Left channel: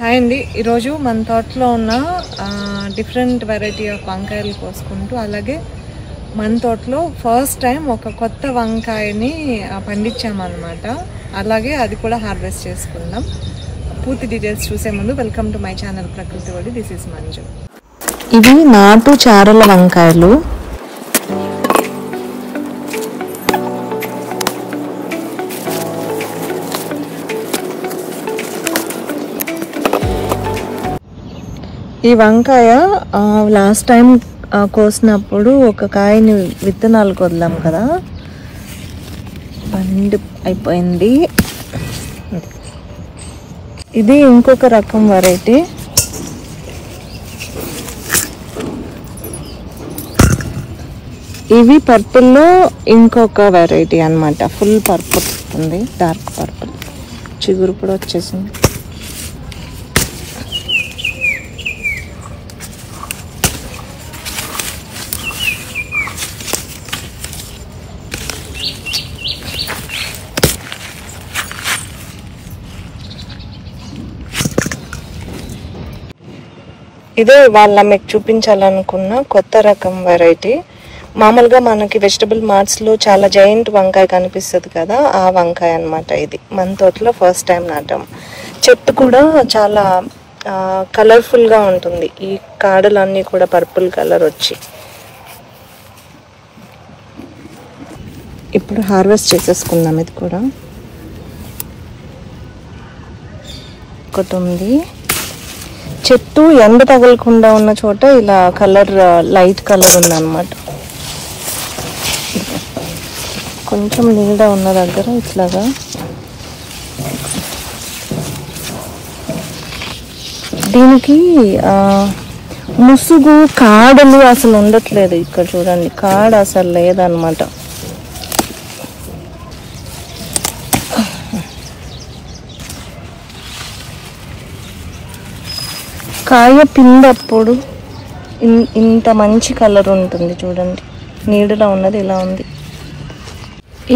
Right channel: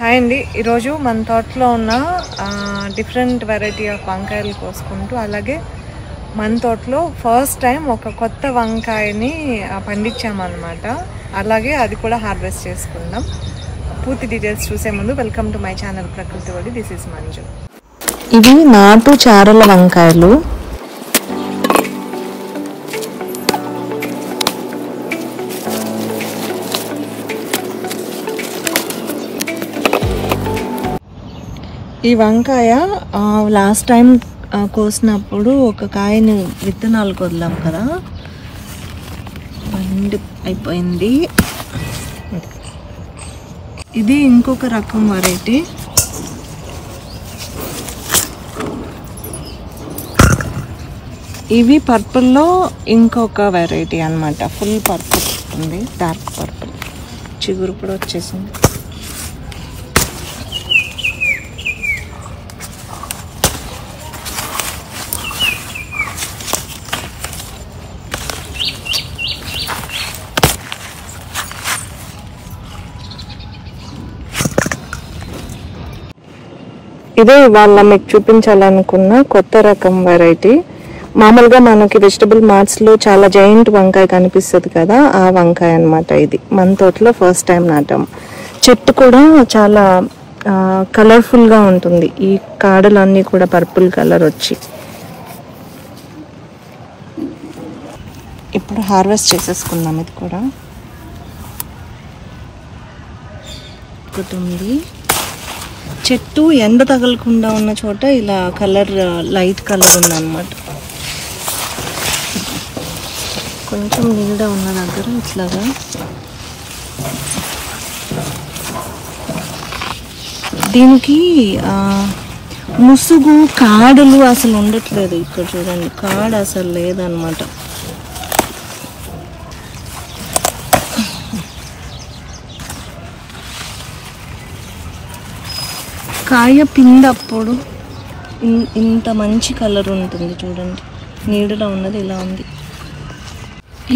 Hi అండి, ఈరోజు మన తోటలో ఉన్న డిఫరెంట్ వెరైటీ ఆఫ్ వంకాయలు కోసుకుంటూ, అలాగే మన తోటలో ఫస్ట్ టైం ఒక కొత్త వంకాయని పండించామన్నమాట. అలాగే అది కూడా హార్వెస్ట్ చేసుకుందాం. పూర్తి డీటెయిల్స్ చూసే ముందు వెల్కమ్ టు మై ఛానల్ ప్రకృతి వడి. This is Manju. ఇవి నాటు చారల వంకాయలు. ఈ వంకాయ లాస్ట్ టైం కోసినప్పుడు ఒక కాయని విత్తనాలకు వదిలాం కదా, పండు అయిపోయింది. ఇది ఇంకొక రకం వెరైటీ. ఇవి పర్పుల్లో ఇంకొక వెరైటీ అన్నమాట. ఫుల్ పర్పుల్ ఉంది, డార్క్ పర్పుల్. చిగురు కూడా వచ్చేసింది. ఇదే వాళ్ళ మీకు చూపించాలనుకున్న కొత్త రకం వెరైటీ. మామూలుగా మనకి వెజిటబుల్ మార్ట్స్ లో చాలా జైంట్ వంకాయ కనిపిస్తుంది కదా, ఆ వంకాయ అన్నమాట. ఇది మన తోటలో ఫస్ట్ టైం నాటాము. చెట్టు కూడా చాలా కలర్ఫుల్ గా ఉంటుంది. ఈ కాడలన్నీ కూడా పర్పుల్ కలర్ వచ్చి ఇప్పుడు హార్వెస్ట్ చేసేసుకుందాం. ఇది కూడా ఒకటి ఉంది. చెట్టు ఎండ తగలకుండా ఉన్న చోట ఇలా కలర్ లైట్ కలర్ ఉందన్నమాట. కొంచెం నీడ ఉన్న దగ్గర ఇట్లాగా దీనికి ముసుగు కాడలు అసలు ఉండట్లేదు. ఇక్కడ చూడండి, కాడ అసలు లేదన్నమాట. కాయ పిందప్పుడు ఇంత మంచి కలర్ ఉంటుంది చూడండి. నీడలో ఉన్నది ఇలా ఉంది.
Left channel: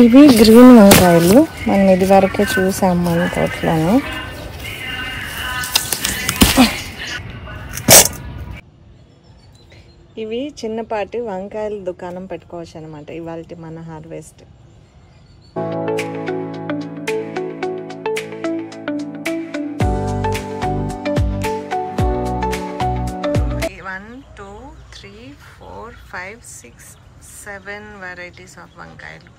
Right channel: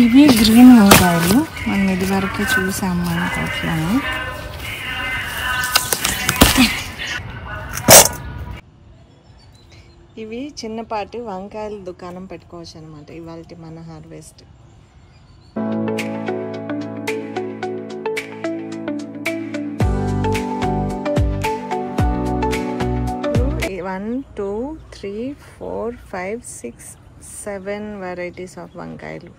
ఇవి గ్రీన్ వంకాయలు. మనం ఇది వరకే చూసాము మన తోటలోనే. ఇవి చిన్నపాటి వంకాయల దుకాణం పెట్టుకోవచ్చు అనమాట. ఇవాళ మన హార్వెస్ట్. 1, 2, 3, 4, 5, 6, 7 varieties of వంకాయలు.